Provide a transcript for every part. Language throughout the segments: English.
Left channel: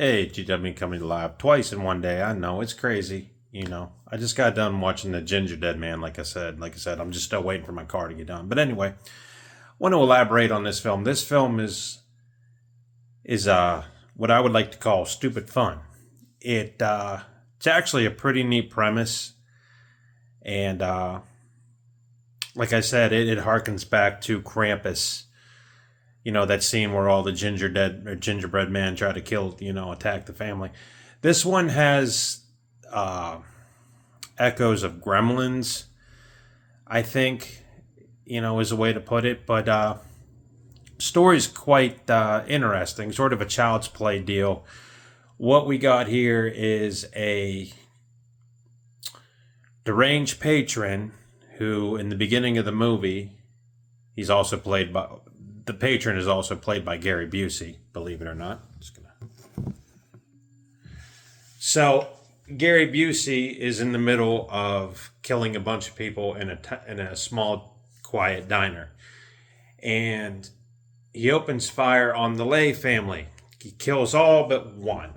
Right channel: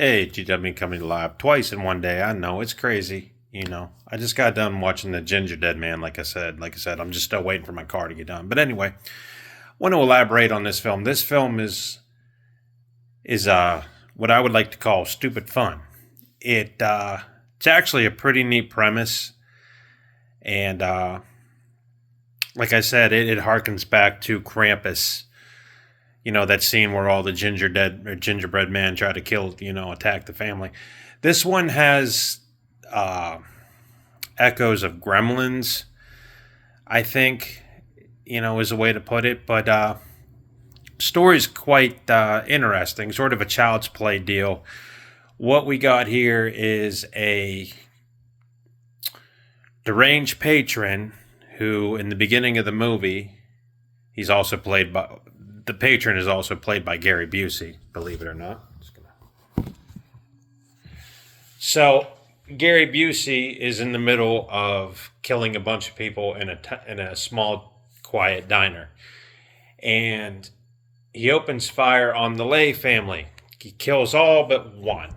Hey, GW coming live twice in one day. I know it's crazy. I just got done watching the Gingerdead man. Like I said, I'm just still waiting for my car to get done. But anyway, I want to elaborate on this film. This film is what I would like to call stupid fun. It's actually a pretty neat premise, and like I said, it harkens back to Krampus. That scene where all the gingerbread man try to kill, attack the family. This one has uh, echoes of Gremlins, I think, is a way to put it. But story's quite interesting, sort of a child's play deal. What we got here is a deranged patron who, in the beginning of the movie, he's also played by the patron is also played by Gary Busey, believe it or not. So Gary Busey is in the middle of killing a bunch of people in a small, quiet diner, and he opens fire on the Lay family. He kills all but one.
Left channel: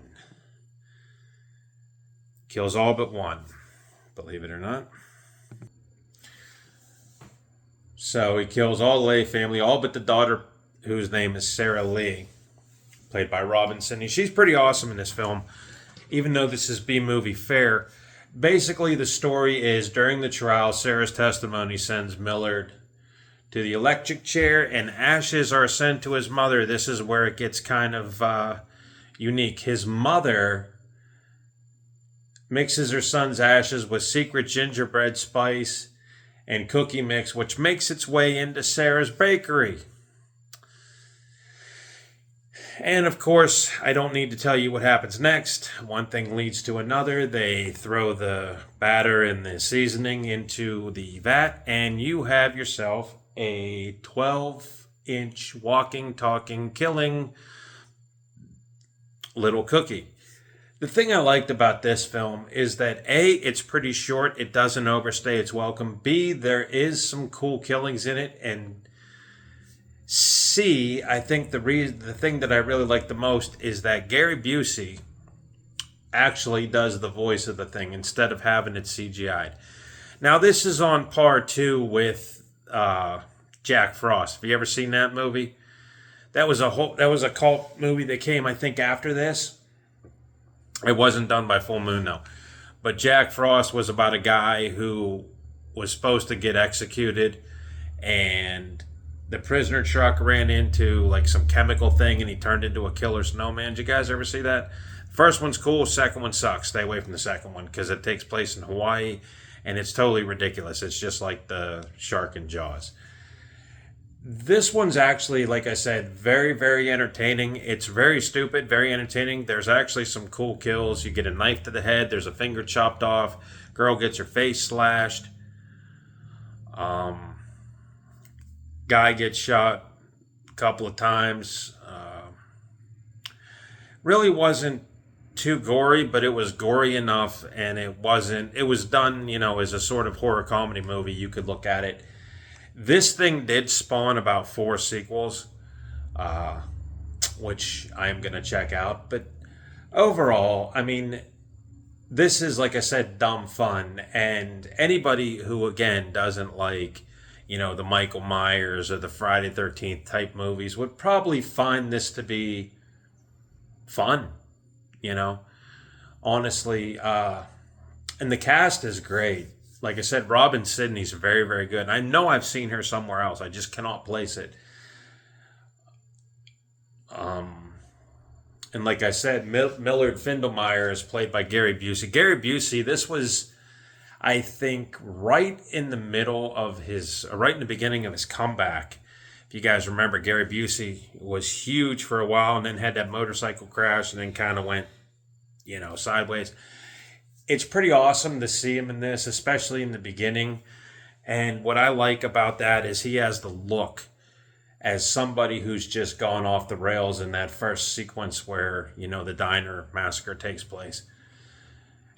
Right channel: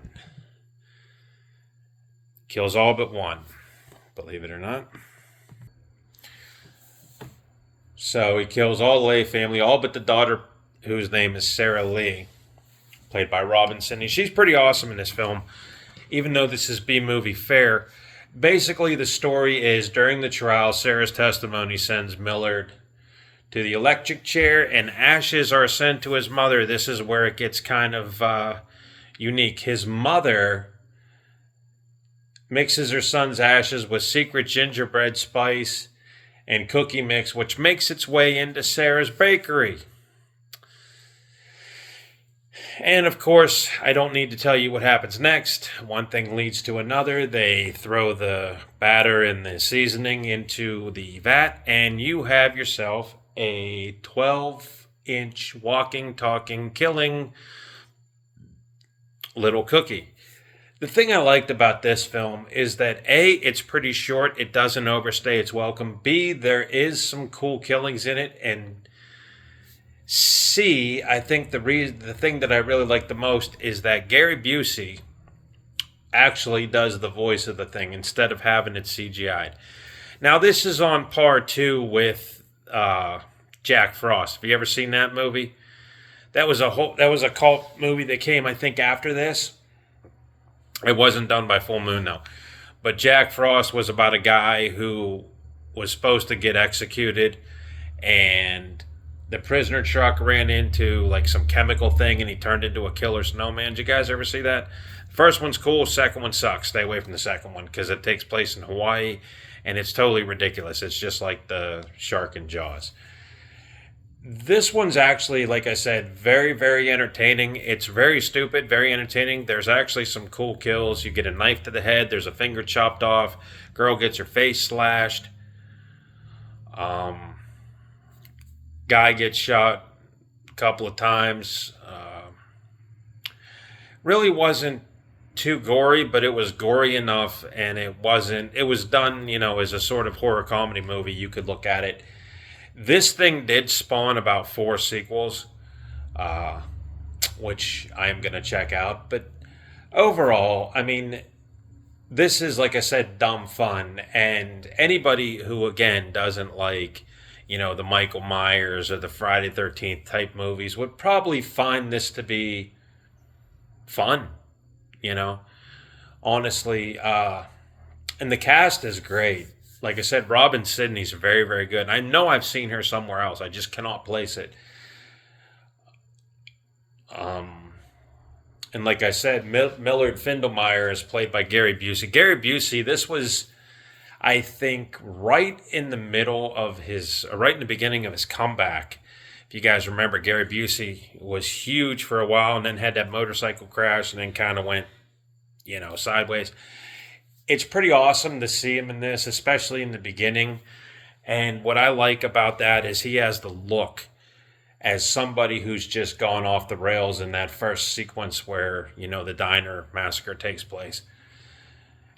Kills all but one, believe it or not. So he kills all the Lay family, all but the daughter, whose name is Sarah Lee, played by Robin Sidney. She's pretty awesome in this film, even though this is B-movie fare. Basically, the story is during the trial, Sarah's testimony sends Millard to the electric chair, and ashes are sent to his mother. This is where it gets kind of unique. His mother mixes her son's ashes with secret gingerbread spice and cookie mix, which makes its way into Sarah's bakery. And of course, I don't need to tell you what happens next. One thing leads to another. They throw the batter and the seasoning into the vat, and you have yourself a 12-inch walking, talking, killing little cookie. The thing I liked about this film is that A, it's pretty short. It doesn't overstay its welcome. B, there is some cool killings in it. And C, I think the thing that I really like the most is that Gary Busey actually does the voice of the thing instead of having it CGI'd. Now, this is on par, too, with Jack Frost. Have you ever seen that movie? That was a cult movie that came, I think, after this. It wasn't done by Full Moon, though. But Jack Frost was about a guy who was supposed to get executed, and the prisoner truck ran into like some chemical thing, and he turned into a killer snowman. Did you guys ever see that? First one's cool, second one sucks. Stay away from the second one because it takes place in Hawaii, and it's totally ridiculous. It's just like the shark in Jaws. This one's actually, like I said, very, very entertaining. It's very stupid, very entertaining. There's actually some cool kills. You get a knife to the head. There's a finger chopped off. Girl gets her face slashed. Guy gets shot a couple of times. Really wasn't too gory, but it was gory enough, and it was done, as a sort of horror comedy movie. You could look at it. This thing did spawn about 4 sequels, which I am going to check out. But overall, I mean, this is, like I said, dumb fun. And anybody who, again, doesn't like, the Michael Myers or the Friday 13th type movies would probably find this to be fun, honestly. And the cast is great. Like I said, Robin Sidney's very, very good. And I know I've seen her somewhere else. I just cannot place it. And like I said, Millard Findlemeyer is played by Gary Busey. Gary Busey, this was, I think, right in the beginning of his comeback. If you guys remember, Gary Busey was huge for a while and then had that motorcycle crash and then kind of went, sideways. It's pretty awesome to see him in this, especially in the beginning. And what I like about that is he has the look as somebody who's just gone off the rails in that first sequence where, the diner massacre takes place.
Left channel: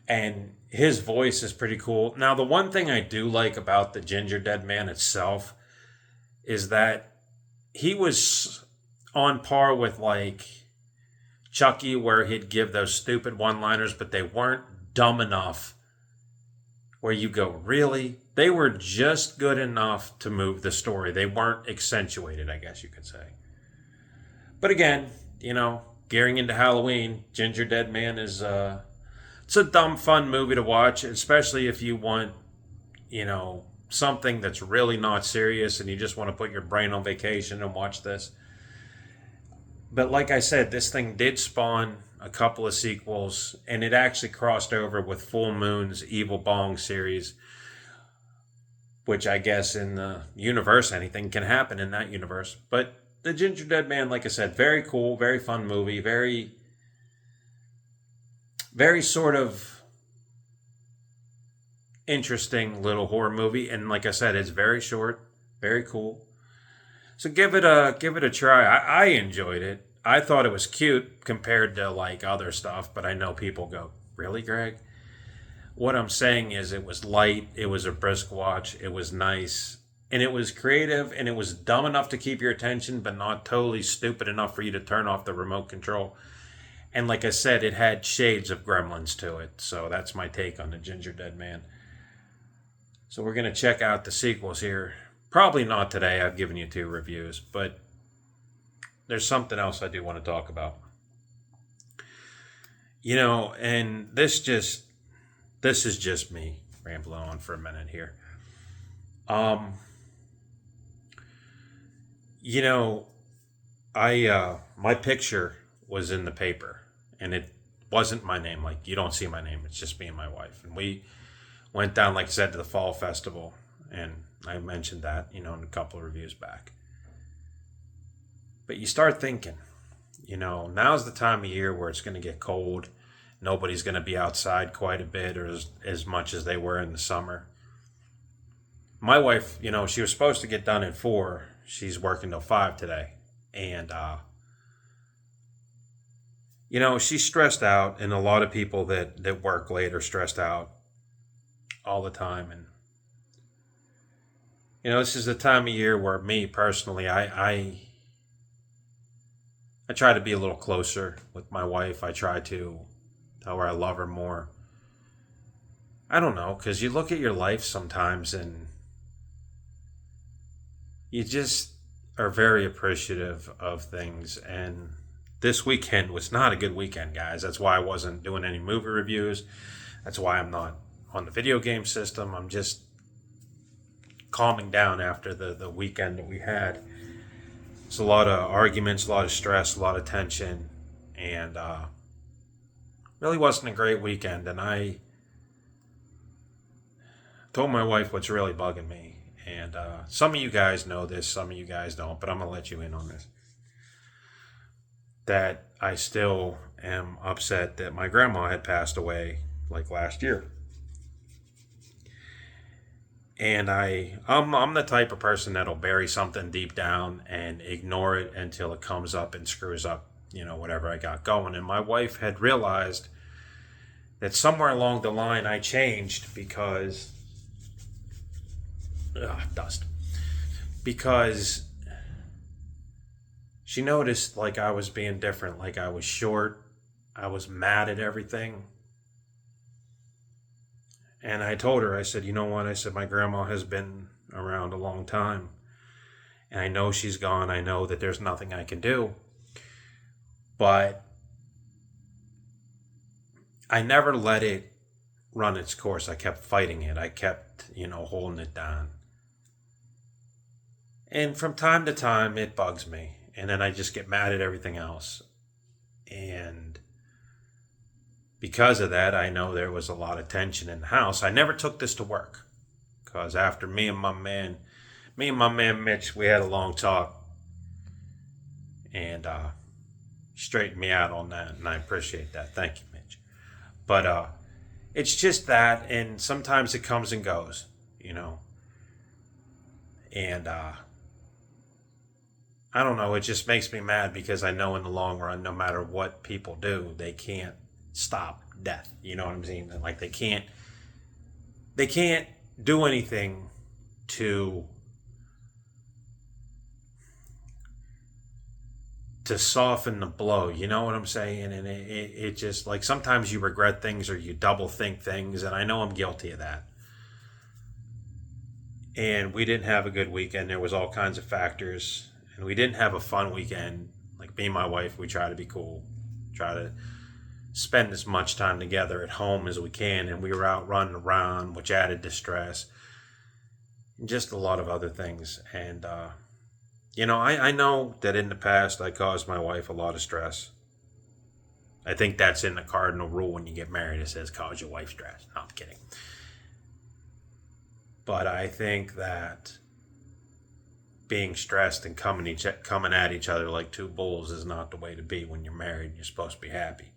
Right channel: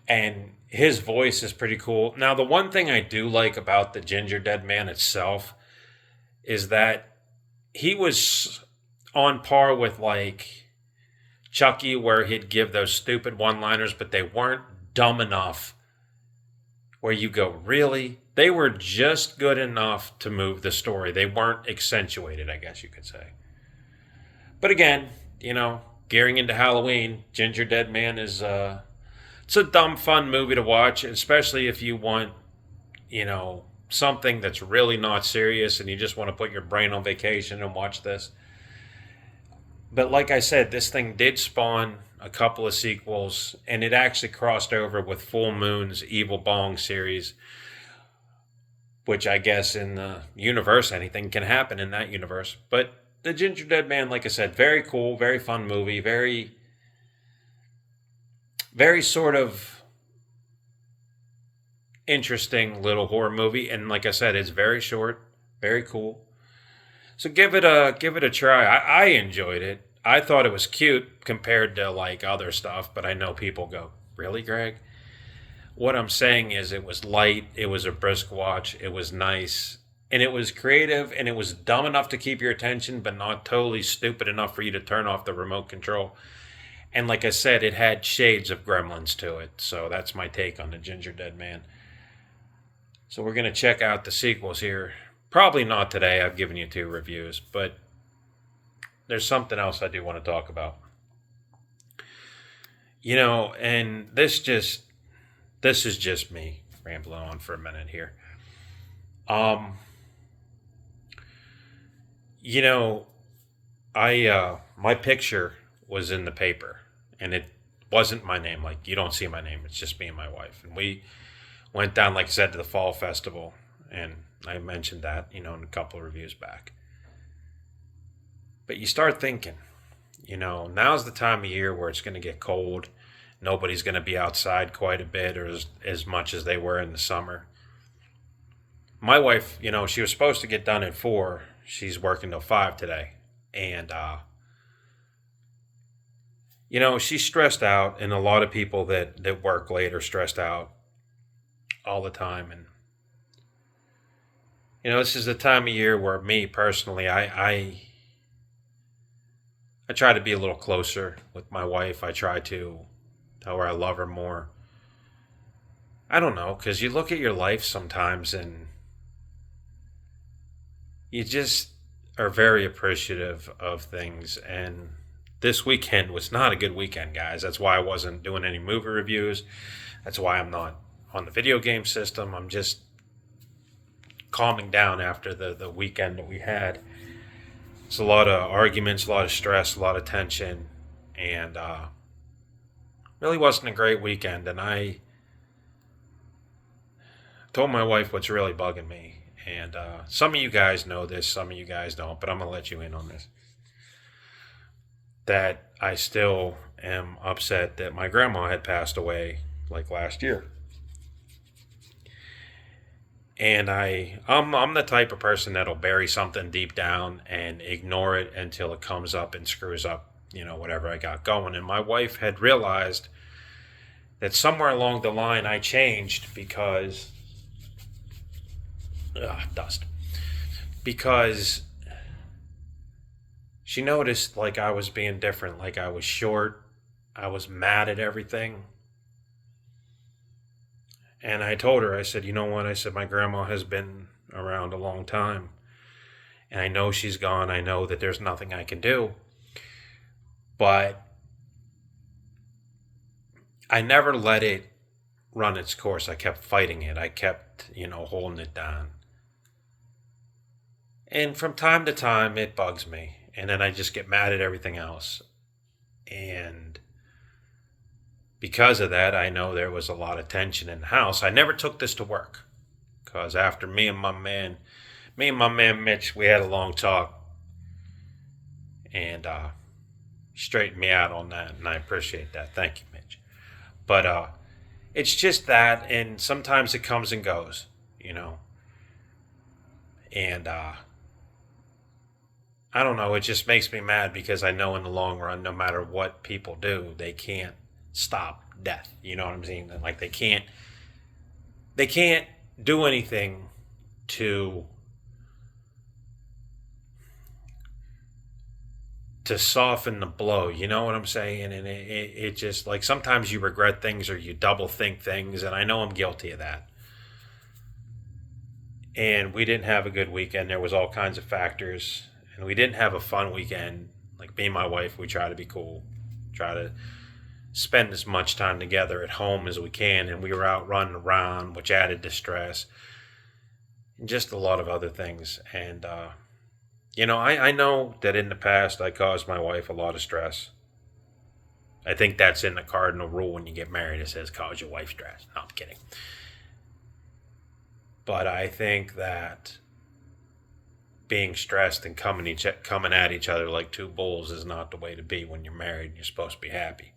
And his voice is pretty cool. Now, the one thing I do like about the Gingerdead Man itself is that he was on par with, like, Chucky, where he'd give those stupid one-liners, but they weren't dumb enough where you go, really? They were just good enough to move the story. They weren't accentuated, I guess you could say. But again, gearing into Halloween, Gingerdead Man is it's a dumb, fun movie to watch, especially if you want, something that's really not serious and you just want to put your brain on vacation and watch this. But like I said, this thing did spawn a couple of sequels, and it actually crossed over with Full Moon's Evil Bong series, which I guess in the universe, anything can happen in that universe. But the Gingerdead Man, like I said, very cool, very fun movie, very, very sort of interesting little horror movie. And like I said, it's very short, very cool. So give it a try. I enjoyed it. I thought it was cute compared to like other stuff, but I know people go, "Really, Greg?" What I'm saying is it was light, it was a brisk watch, it was nice, and it was creative, and it was dumb enough to keep your attention, but not totally stupid enough for you to turn off the remote control. And like I said, it had shades of Gremlins to it. So that's my take on the Gingerdead Man. So we're going to check out the sequels here. Probably not today. I've given you 2 reviews, but there's something else I do want to talk about. And this is just me rambling on for a minute here. My picture was in the paper, and it wasn't my name. Like, you don't see my name. It's just me and my wife. And we went down, like I said, to the fall festival, and I mentioned that, in a couple of reviews back. But you start thinking, now's the time of year where it's going to get cold. Nobody's going to be outside quite a bit, or as much as they were in the summer. My wife, she was supposed to get done at 4. She's working till 5 today. And, she's stressed out, and a lot of people that work late are stressed out all the time. And, this is the time of year where me personally, I try to be a little closer with my wife. I try to tell her I love her more. I don't know, because you look at your life sometimes and you just are very appreciative of things. And this weekend was not a good weekend, guys. That's why I wasn't doing any movie reviews. That's why I'm not on the video game system. I'm just calming down after the weekend that we had. It's a lot of arguments, a lot of stress, a lot of tension, and really wasn't a great weekend. And I told my wife what's really bugging me. And some of you guys know this, some of you guys don't, but I'm going to let you in on this. That I still am upset that my grandma had passed away like last year. And I'm the type of person that'll bury something deep down and ignore it until it comes up and screws up, whatever I got going. And my wife had realized that somewhere along the line I changed because dust. Because she noticed like I was being different, like I was short, I was mad at everything. And I told her, I said, you know what? I said, my grandma has been around a long time. And I know she's gone. I know that there's nothing I can do. But I never let it run its course. I kept fighting it. I kept, holding it down. And from time to time, it bugs me. And then I just get mad at everything else. And because of that, I know there was a lot of tension in the house. I never took this to work. Because after me and my man Mitch, we had a long talk. And straightened me out on that. And I appreciate that. Thank you, Mitch. But it's just that. And sometimes it comes and goes, And I don't know. It just makes me mad because I know in the long run, no matter what people do, they can't stop death. You know what I'm saying? Like they can't do anything to to soften the blow. You know what I'm saying? And it just, like, sometimes you regret things or you double think things, and I know I'm guilty of that. And we didn't have a good weekend. There was all kinds of factors, and we didn't have a fun weekend. Like, me and my wife, we try to be cool, try to spend as much time together at home as we can, and we were out running around, which added to stress, and just a lot of other things. And I know that in the past I caused my wife a lot of stress. I think that's in the cardinal rule when you get married. It says cause your wife stress. No, I'm kidding. But I think that being stressed and coming at each other like two bulls is not the way to be when you're married and you're supposed to be happy.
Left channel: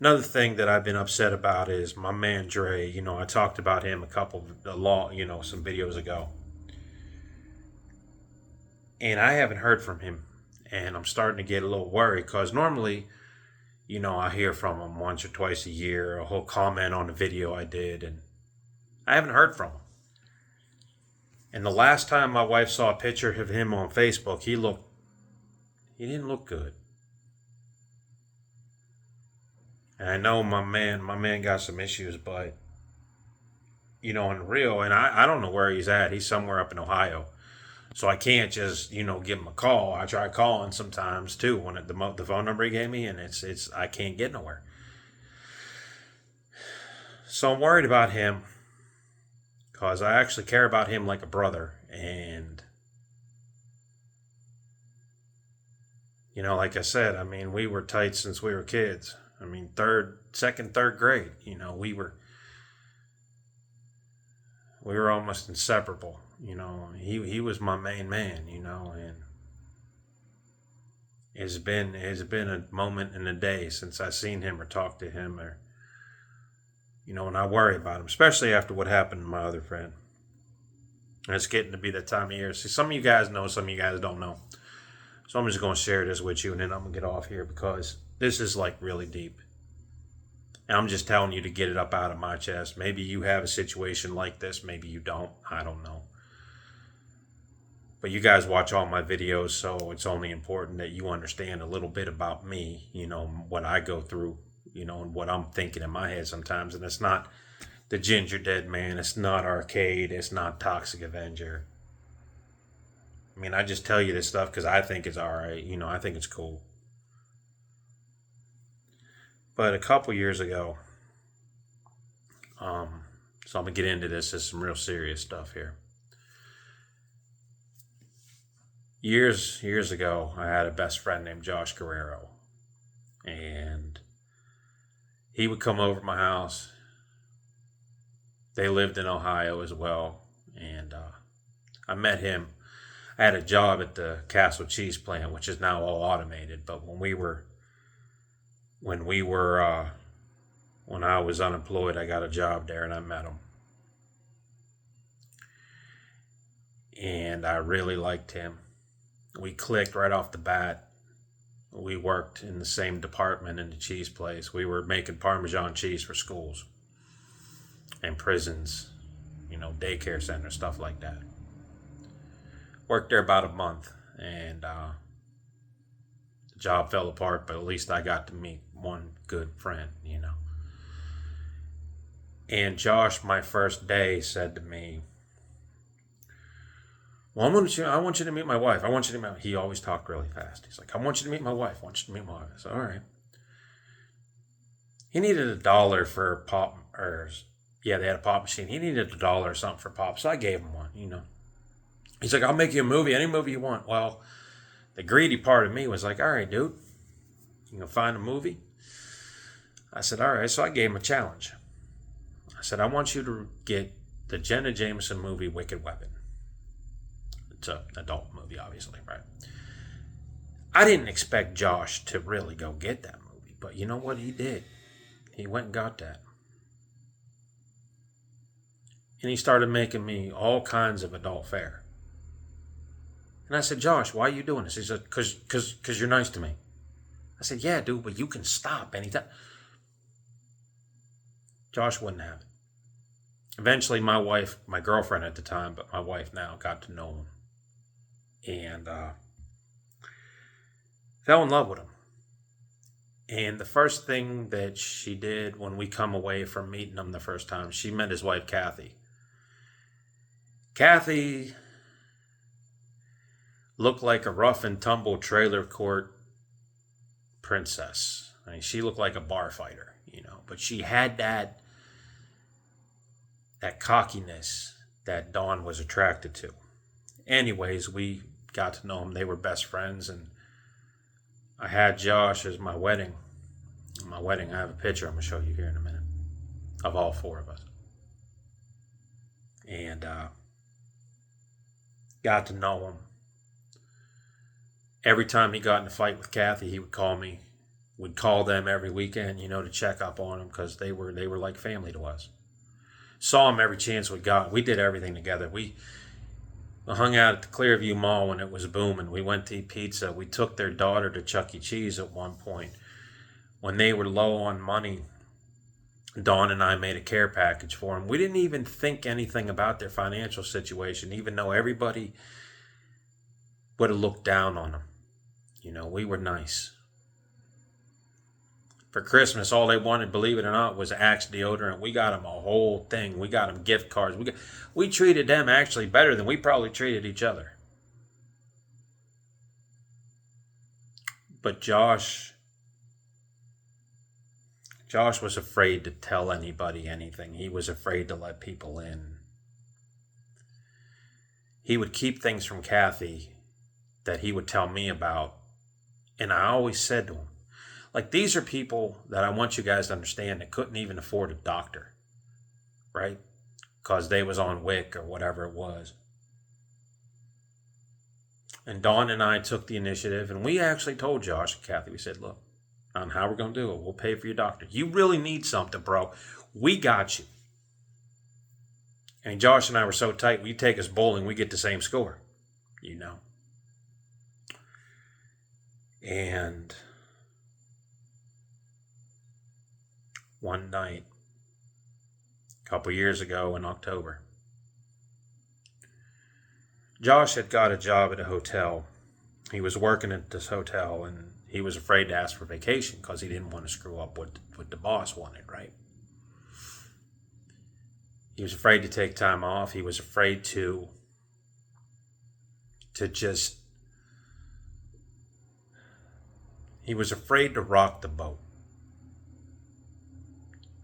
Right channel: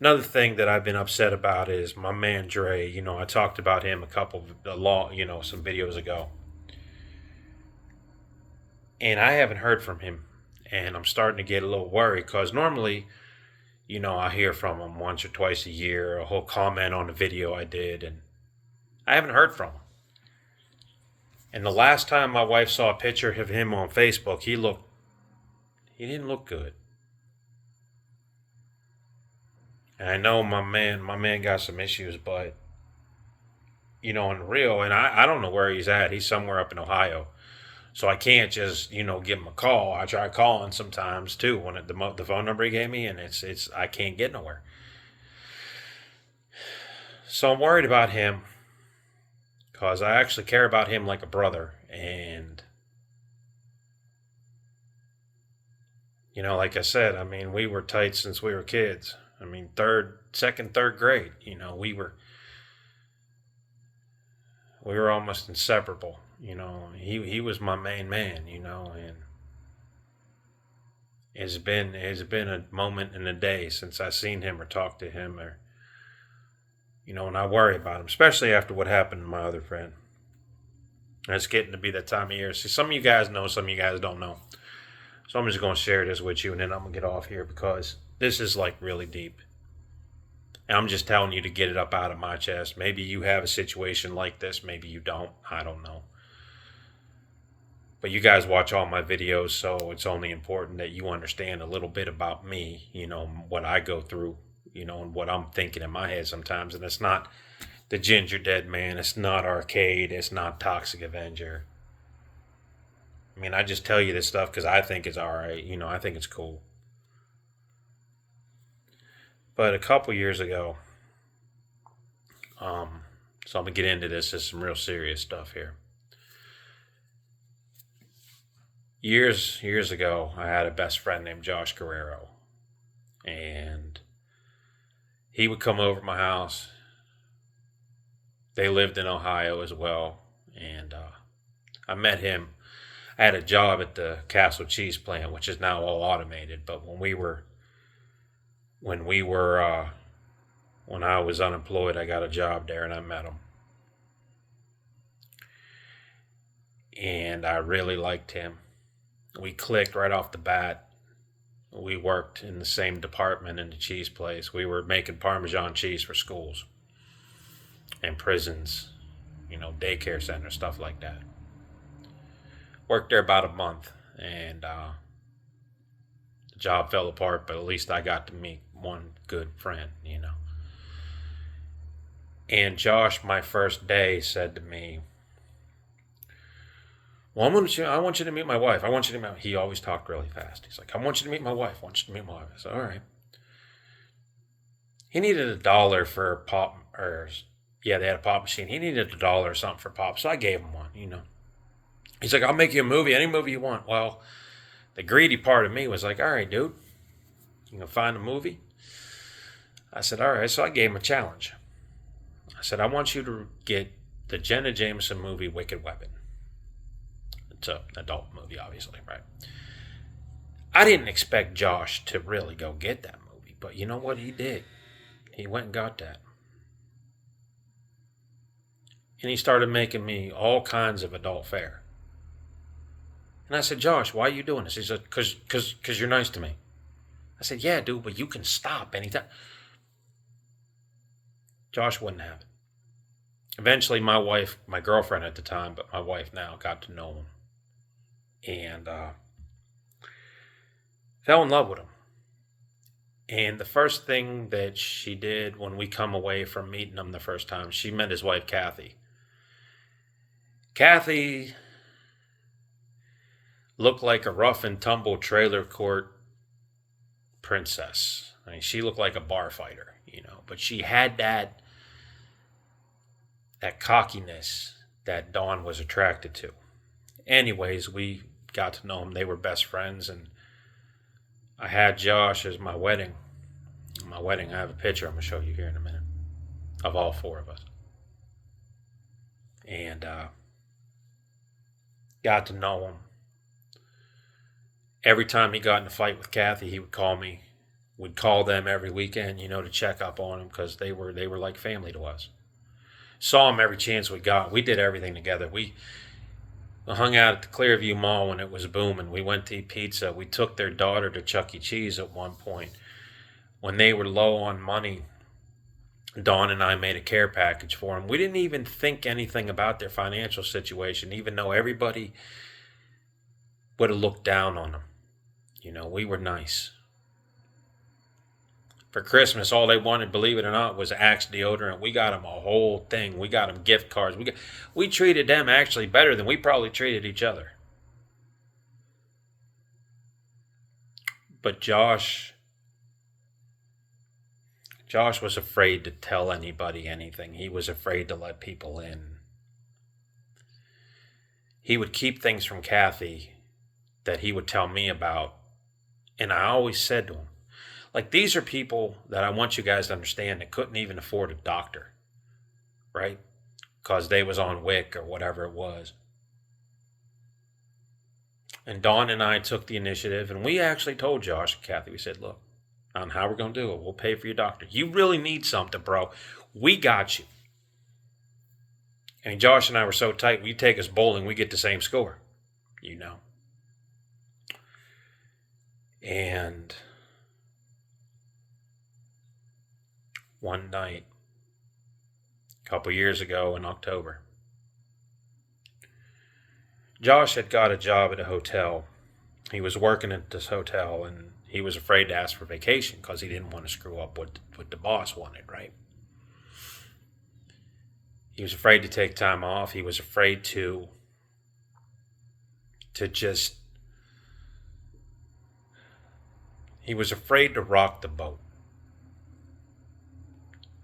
Another thing that I've been upset about is my man Dre. I talked about him some videos ago. And I haven't heard from him. And I'm starting to get a little worried because normally, I hear from him once or twice a year, a whole comment on a video I did, and I haven't heard from him. And the last time my wife saw a picture of him on Facebook, he didn't look good. And I know my man got some issues, but in real, and I don't know where he's at. He's somewhere up in Ohio. So I can't just, give him a call. I try calling sometimes too when the phone number he gave me, and it's I can't get nowhere. So I'm worried about him because I actually care about him like a brother. And, like I said, I mean, we were tight since we were kids. I mean, second, third grade, we were almost inseparable. He was my main man, and it's been a moment in a day since I seen him or talked to him, or and I worry about him, especially after what happened to my other friend. And it's getting to be that time of year. See, some of you guys know, some of you guys don't know. So I'm just going to share this with you, and then I'm going to get off here because this is like really deep. And I'm just telling you to get it up out of my chest. Maybe you have a situation like this. Maybe you don't. I don't know. But you guys watch all my videos, so it's only important that you understand a little bit about me, what I go through, and what I'm thinking in my head sometimes. And it's not the Gingerdead Man. It's not Arcade. It's not Toxic Avenger. I mean, I just tell you this stuff because I think it's all right. I think it's cool. But a couple years ago, so I'm going to get into this. There's some real serious stuff here. Years ago, I had a best friend named Josh Guerrero. And he would come over to my house. They lived in Ohio as well. And I met him. I had a job at the Castle Cheese plant, which is now all automated. But when I was unemployed, I got a job there and I met him. And I really liked him. We clicked right off the bat. We worked in the same department in the cheese place. We were making Parmesan cheese for schools and prisons, daycare centers, stuff like that. Worked there about a month, and the job fell apart, but at least I got to meet one good friend, And Josh, my first day, said to me, well, I want you to meet my wife. He always talked really fast. He's like, I want you to meet my wife. I said, all right. He needed $1 for pop, they had a pop machine. He needed $1 or something for pop, so I gave him one, He's like, I'll make you a movie, any movie you want. Well, the greedy part of me was like, all right, dude, you gonna find a movie? I said, all right, so I gave him a challenge. I said, I want you to get the Jenna Jameson movie, Wicked Weapon. It's an adult movie, obviously, right? I didn't expect Josh to really go get that movie, but you know what he did? He went and got that. And he started making me all kinds of adult fare. And I said, Josh, why are you doing this? He said, because you're nice to me. I said, yeah, dude, but you can stop anytime. Josh wouldn't have it. Eventually, my wife, my girlfriend at the time, but my wife now, got to know him. And Fell in love with him. And the first thing that she did when we come away from meeting him the first time, she met his wife, Kathy. Kathy looked like a rough and tumble trailer court princess. I mean, she looked like a bar fighter, but she had that cockiness that Dawn was attracted to. Anyways, we got to know them. They were best friends, and I had Josh as my wedding. My wedding, I have a picture I'm going to show you here in a minute of all four of us. And got to know him. Every time he got in a fight with Kathy, he would call me. We'd call them every weekend, to check up on them because they were like family to us. Saw them every chance we got. We did everything together. We hung out at the Clearview Mall when it was booming. We went to eat pizza. We took their daughter to Chuck E. Cheese at one point. When they were low on money, Dawn and I made a care package for them. We didn't even think anything about their financial situation, even though everybody would have looked down on them. We were nice. For Christmas, all they wanted, believe it or not, was Axe deodorant. We got them a whole thing. We got them gift cards. We treated them actually better than we probably treated each other. But Josh was afraid to tell anybody anything. He was afraid to let people in. He would keep things from Kathy that he would tell me about. And I always said to him, these are people that I want you guys to understand that couldn't even afford a doctor, right? Because they was on WIC or whatever it was. And Dawn and I took the initiative, and we actually told Josh and Kathy, we said, look, on how we're going to do it. We'll pay for your doctor. You really need something, bro. We got you. And Josh and I were so tight, we take us bowling, we get the same score, And one night, a couple years ago in October, Josh had got a job at a hotel. He was working at this hotel, and he was afraid to ask for vacation because he didn't want to screw up what the boss wanted, right? He was afraid to take time off. He was afraid to just... He was afraid to rock the boat.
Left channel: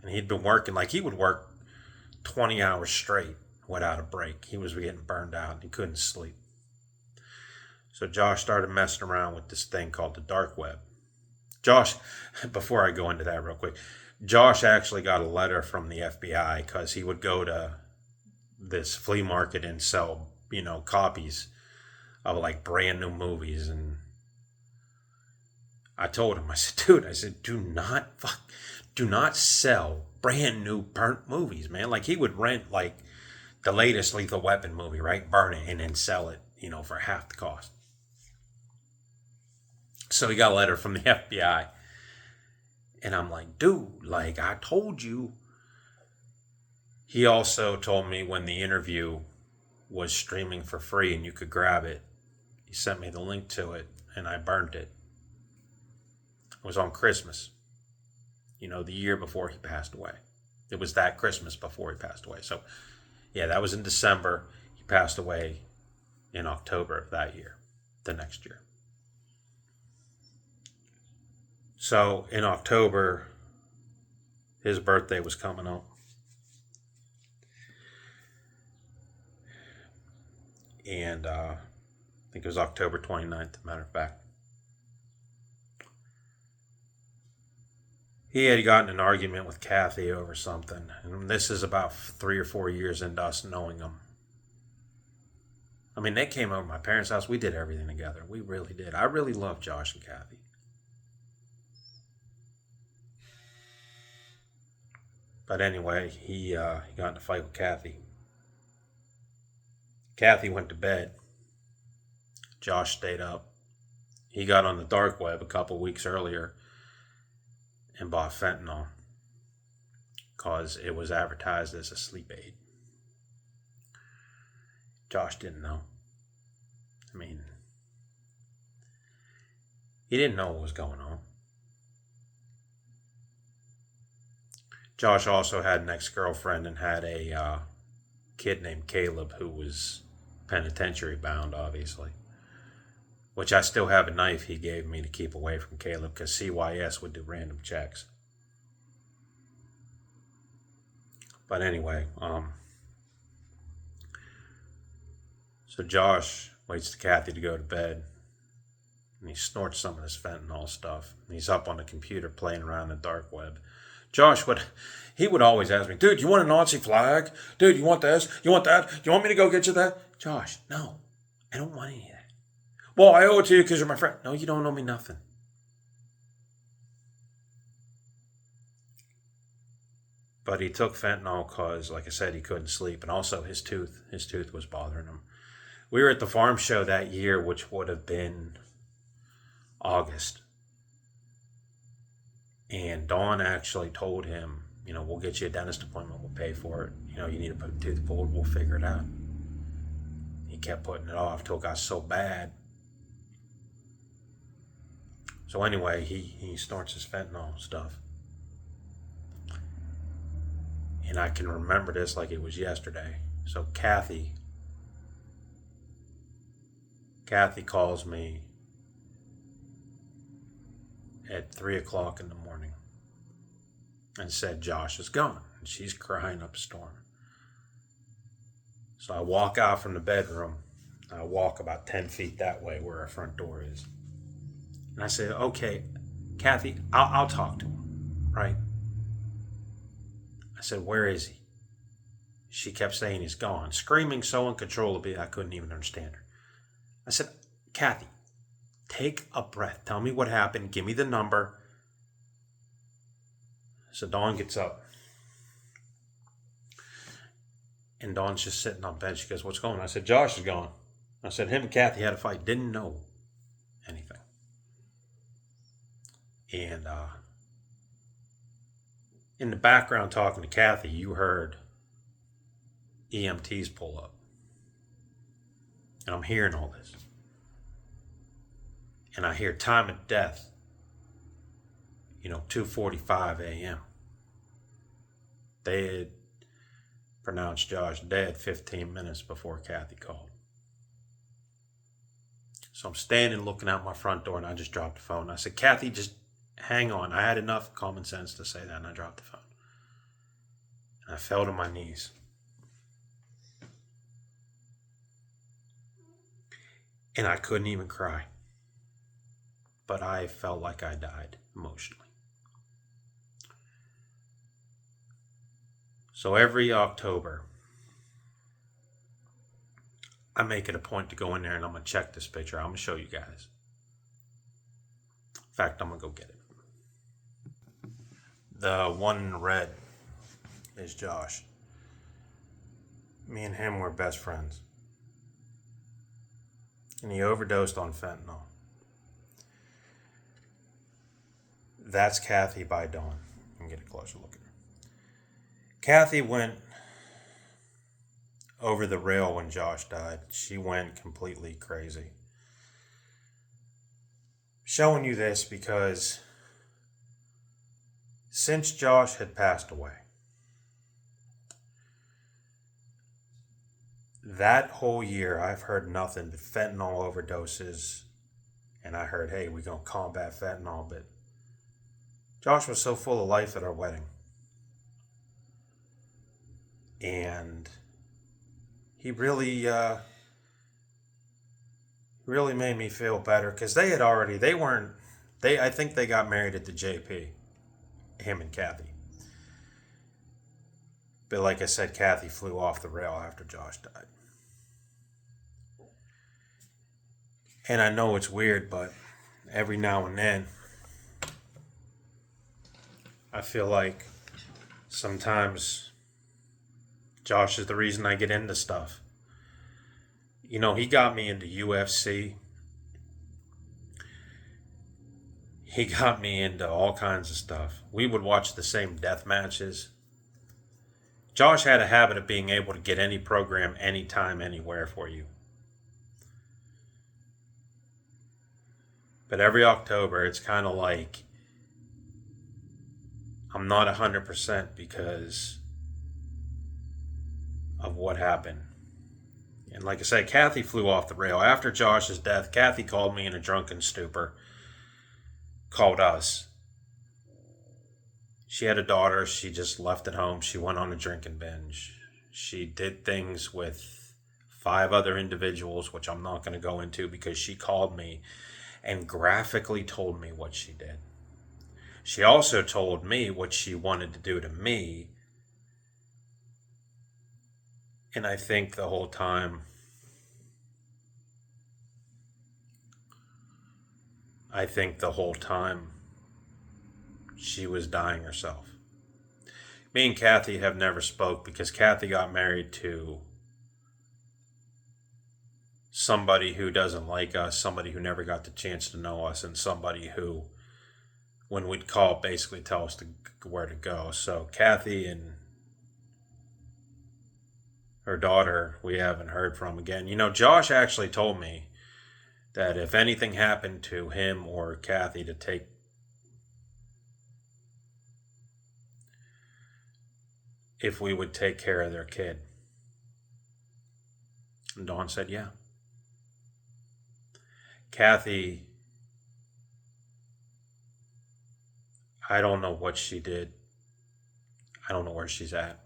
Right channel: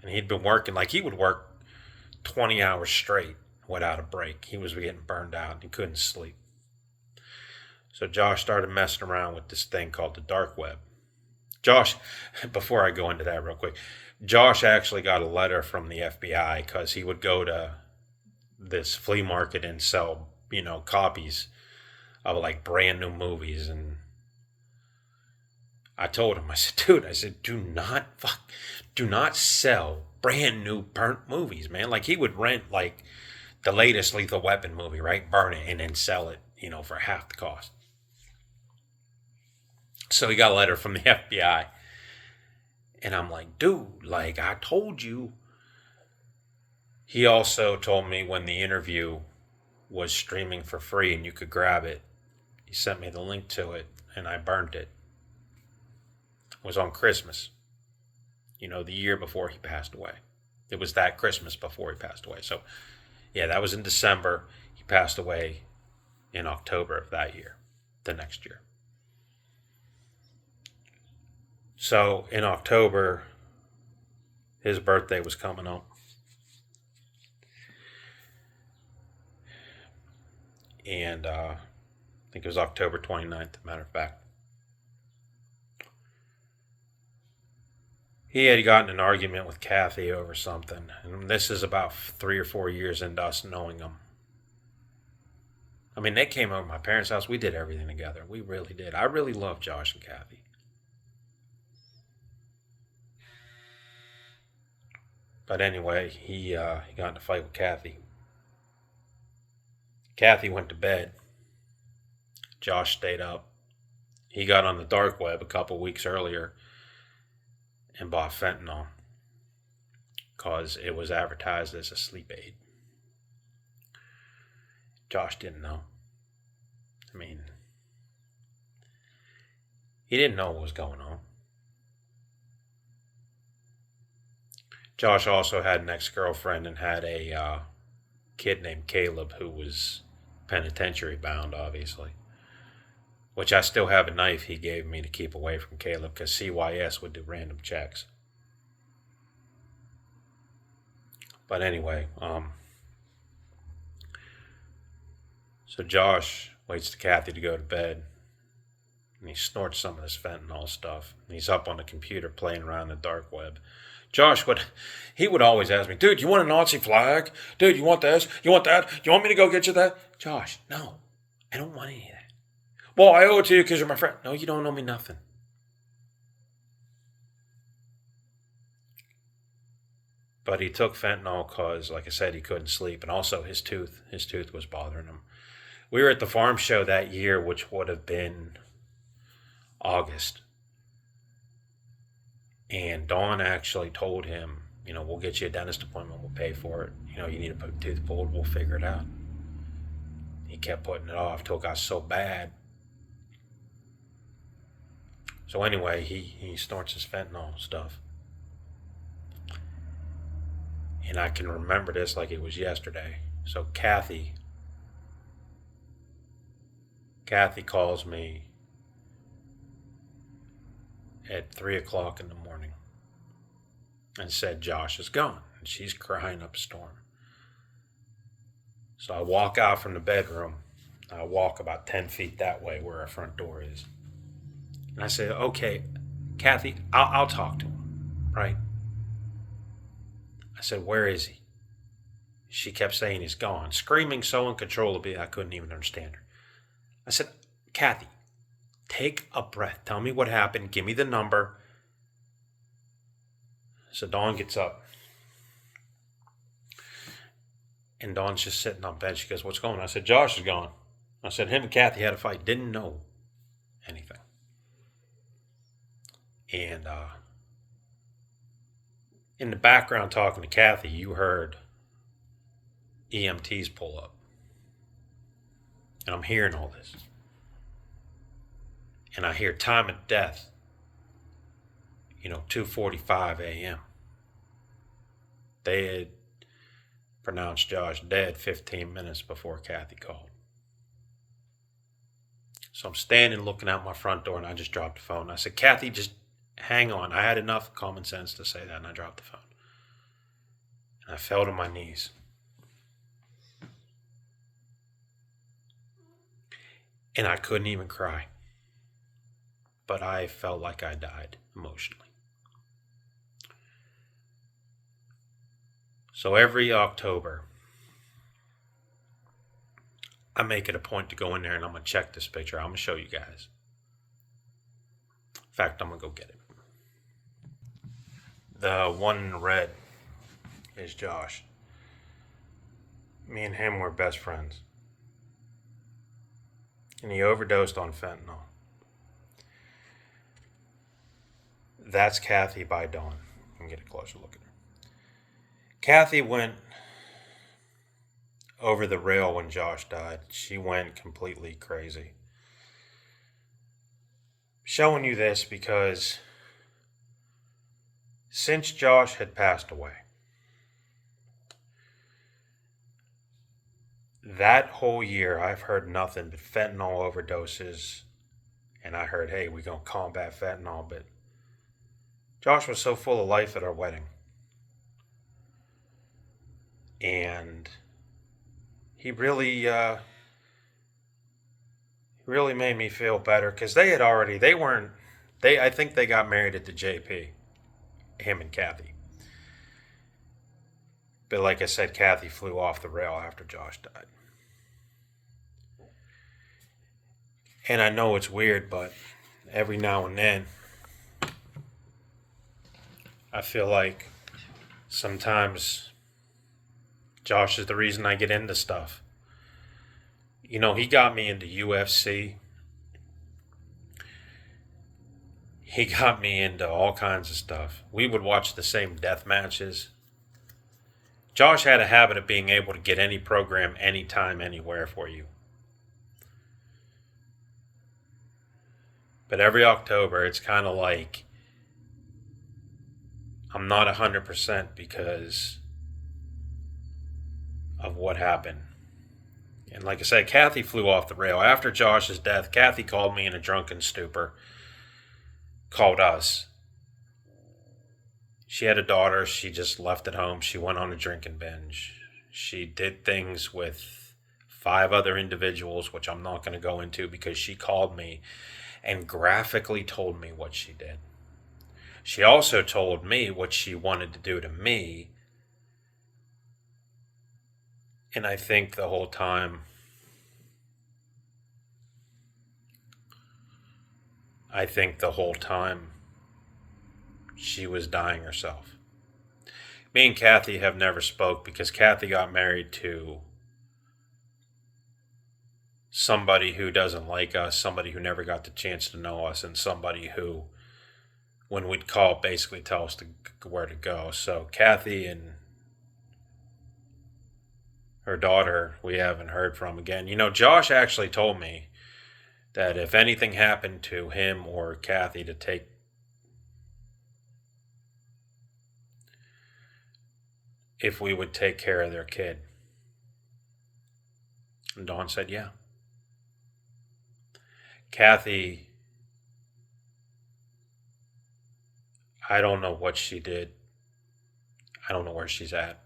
And he'd been working, he would work 20 hours straight without a break. He was getting burned out. He couldn't sleep. So Josh started messing around with this thing called the dark web. Josh, before I go into that real quick, Josh actually got a letter from the FBI because he would go to this flea market and sell, copies of brand new movies. And I told him, I said, dude, do not sell brand new burnt movies, man. He would rent the latest Lethal Weapon movie, right? Burn it and then sell it, for half the cost. So he got a letter from the FBI. And I'm like, dude, I told you. He also told me when the interview was streaming for free and you could grab it, he sent me the link to it and I burned it. It was on Christmas, the year before he passed away. It was that Christmas before he passed away. So, yeah, that was in December. He passed away in October of that year, the next year. So, in October, his birthday was coming up. And I think it was October 29th, as a matter of fact. He had gotten an argument with Kathy over something. And this is about 3 or 4 years into us knowing him. I mean, they came over to my parents' house. We did everything together. We really did. I really loved Josh and Kathy. But anyway, he got in a fight with Kathy. Kathy went to bed. Josh stayed up. He got on the dark web a couple weeks earlier and bought fentanyl because it was advertised as a sleep aid. Josh didn't know. I mean, He didn't know what was going on. Josh also had an ex-girlfriend and had a kid named Caleb who was penitentiary bound, obviously. Which I still have a knife he gave me to keep away from Caleb because CYS would do random checks. But anyway, so Josh waits for Kathy to go to bed, and he snorts some of this fentanyl stuff. And he's up on the computer playing around the dark web. Josh would always ask me, dude, you want a Nazi flag? Dude, you want this? You want that? You want me to go get you that? Josh, no, I don't want any of that. Well, I owe it to you because you're my friend. No, you don't owe me nothing. But he took fentanyl because, like I said, he couldn't sleep. And also his tooth was bothering him. We were at the farm show that year, which would have been August. And Dawn actually told him, we'll get you a dentist appointment. We'll pay for it. You need to put a tooth pulled. We'll figure it out. He kept putting it off till it got so bad. So anyway, he snorts his fentanyl stuff. And I can remember this like it was yesterday. So Kathy calls me at 3 o'clock in the morning and said Josh is gone. And she's crying up a storm. So I walk out from the bedroom. I walk about 10 feet that way where our front door is. And I said, okay, Kathy, I'll talk to him, right? I said, where is he? She kept saying he's gone, screaming so uncontrollably I couldn't even understand her. I said, Kathy, take a breath. Tell me what happened. Give me the number. So Dawn gets up. And Dawn's just sitting on bed. She goes, what's going on? I said, Josh is gone. I said, him and Kathy had a fight. Didn't know anything. And in the background talking to Kathy, you heard EMTs pull up. And I'm hearing all this. And I hear time of death, 2:45 a.m. They had pronounced Josh dead 15 minutes before Kathy called. So I'm standing looking out my front door and I just dropped the phone. I said, Kathy, just hang on. I had enough common sense to say that and I dropped the phone. And I fell to my knees. And I couldn't even cry. But I felt like I died emotionally. So every October, I make it a point to go in there and I'm going to check this picture. I'm going to show you guys. In fact, I'm going to go get it. The one in red is Josh. Me and him were best friends. And he overdosed on fentanyl. That's Kathy by Dawn. Let me get a closer look at her. Kathy went over the rail when Josh died. She went completely crazy. Showing you this because since Josh had passed away, that whole year I've heard nothing but fentanyl overdoses. And I heard, hey, we're going to combat fentanyl. But Josh was so full of life at our wedding. And he really made me feel better because I think they got married at the JP, him and Kathy. But like I said, Kathy flew off the rail after Josh died. And I know it's weird, but every now and then, I feel like sometimes Josh is the reason I get into stuff. He got me into UFC. He got me into all kinds of stuff. We would watch the same death matches. Josh had a habit of being able to get any program, anytime, anywhere for you. But every October, it's kind of like I'm not 100% because of what happened. And like I said, Kathy flew off the rail. After Josh's death, Kathy called me in a drunken stupor, called us. She had a daughter. She just left at home. She went on a drinking binge. She did things with 5 other individuals, which I'm not going to go into because she called me and graphically told me what she did. She also told me what she wanted to do to me. And I think the whole time, she was dying herself. Me and Kathy have never spoke because Kathy got married to somebody who doesn't like us, somebody who never got the chance to know us, and somebody who, when we'd call, basically tell us where to go. So Kathy and her daughter, we haven't heard from again. Josh actually told me that if anything happened to him or Kathy, if we would take care of their kid. And Dawn said, yeah. Kathy, I don't know what she did. I don't know where she's at.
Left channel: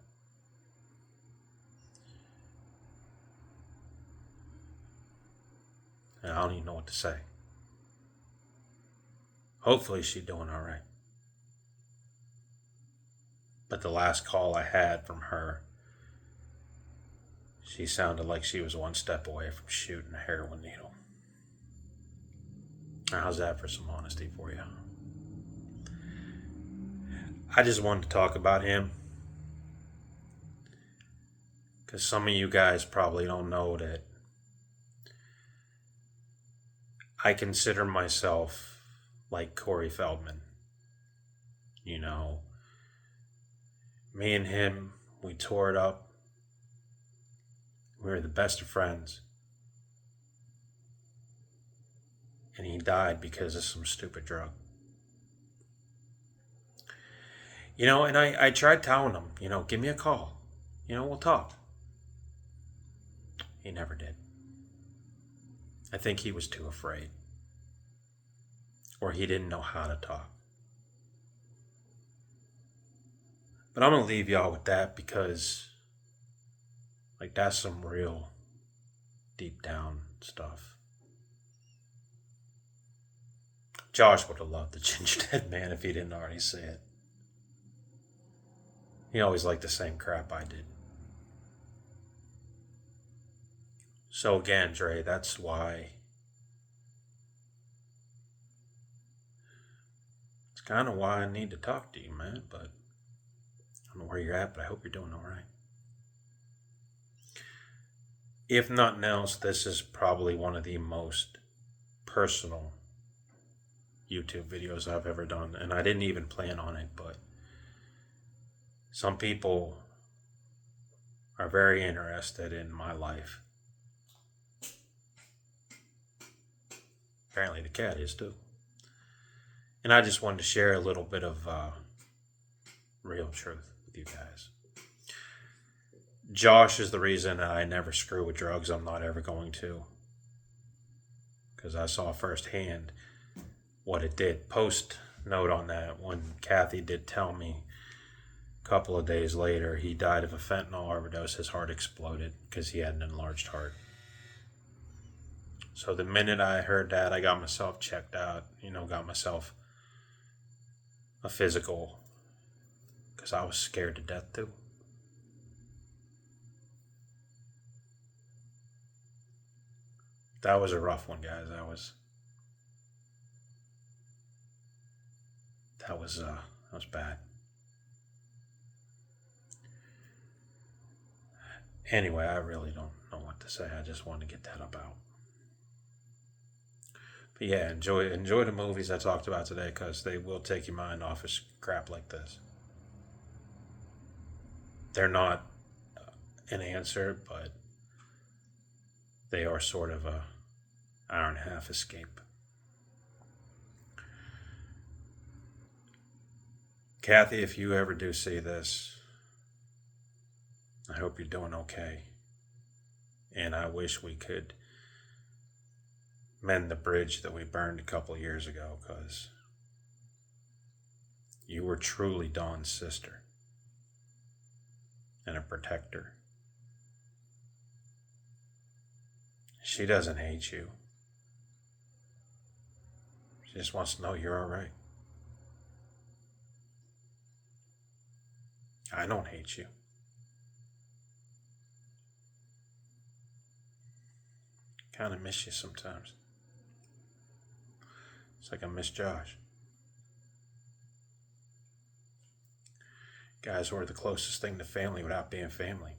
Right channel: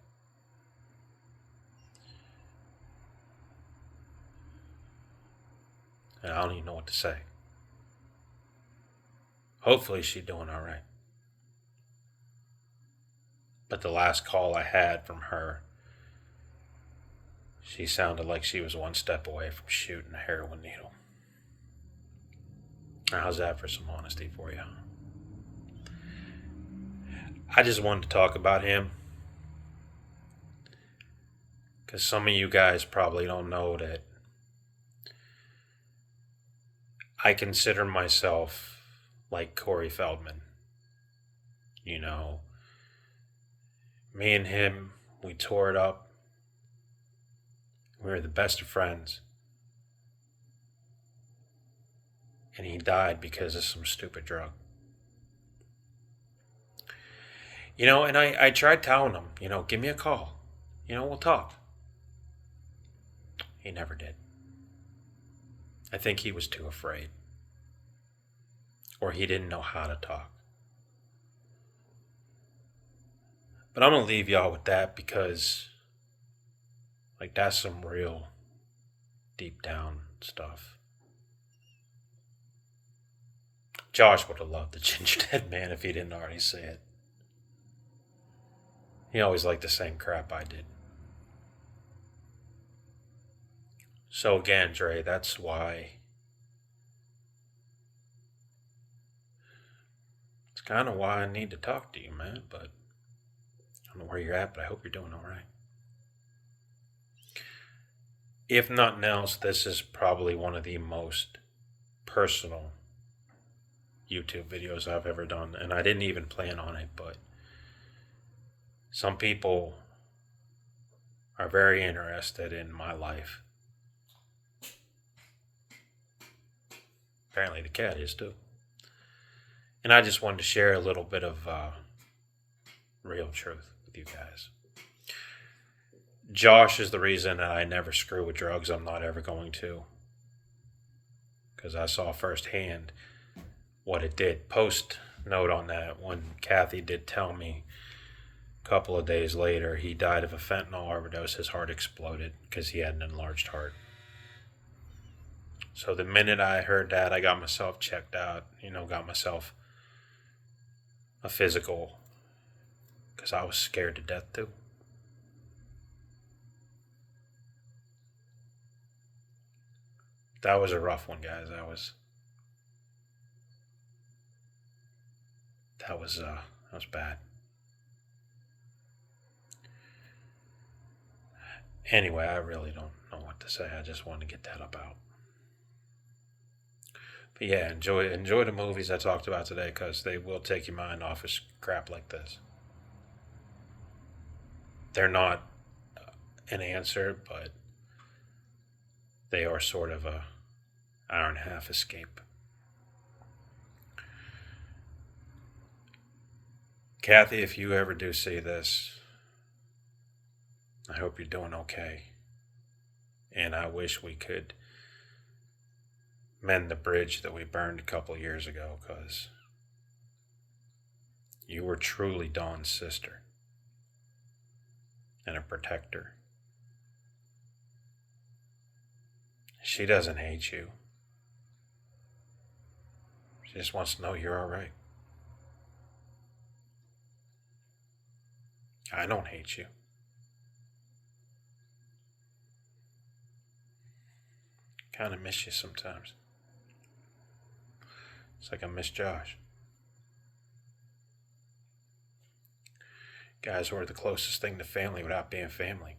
And I don't even know what to say. Hopefully she's doing all right. But the last call I had from her, she sounded like she was one step away from shooting a heroin needle. Now, how's that for some honesty for you? I just wanted to talk about him because some of you guys probably don't know that I consider myself like Corey Feldman. Me and him, we tore it up. We were the best of friends. And he died because of some stupid drug. And I tried telling him, give me a call. We'll talk. He never did. I think he was too afraid. Or he didn't know how to talk. But I'm going to leave y'all with that because, that's some real deep down stuff. Josh would have loved the gingerdead man if he didn't already say it. He always liked the same crap I did. So again, Dre, that's why it's kind of why I need to talk to you, man. But I don't know where you're at, but I hope you're doing all right. If nothing else, this is probably one of the most personal YouTube videos I've ever done. And I didn't even plan on it, but some people are very interested in my life. Apparently the cat is too. And I just wanted to share a little bit of real truth with you guys. Josh is the reason that I never screw with drugs. I'm not ever going to. Because I saw firsthand what it did. Post note on that, when Kathy did tell me a couple of days later he died of a fentanyl overdose, his heart exploded because he had an enlarged heart. So the minute I heard that, I got myself checked out, got myself a physical because I was scared to death too. That was a rough one, guys. That was bad. Anyway, I really don't know what to say. I just wanted to get that up out. But yeah, enjoy the movies I talked about today because they will take your mind off of crap like this. They're not an answer, but they are sort of a hour and a half escape. Kathy, if you ever do see this, I hope you're doing okay. And I wish we could mend the bridge that we burned a couple years ago, because you were truly Dawn's sister and a protector. She doesn't hate you. She just wants to know you're all right. I don't hate you. Kind of miss you sometimes. It's like I miss Josh. Guys were the closest thing to family without being family.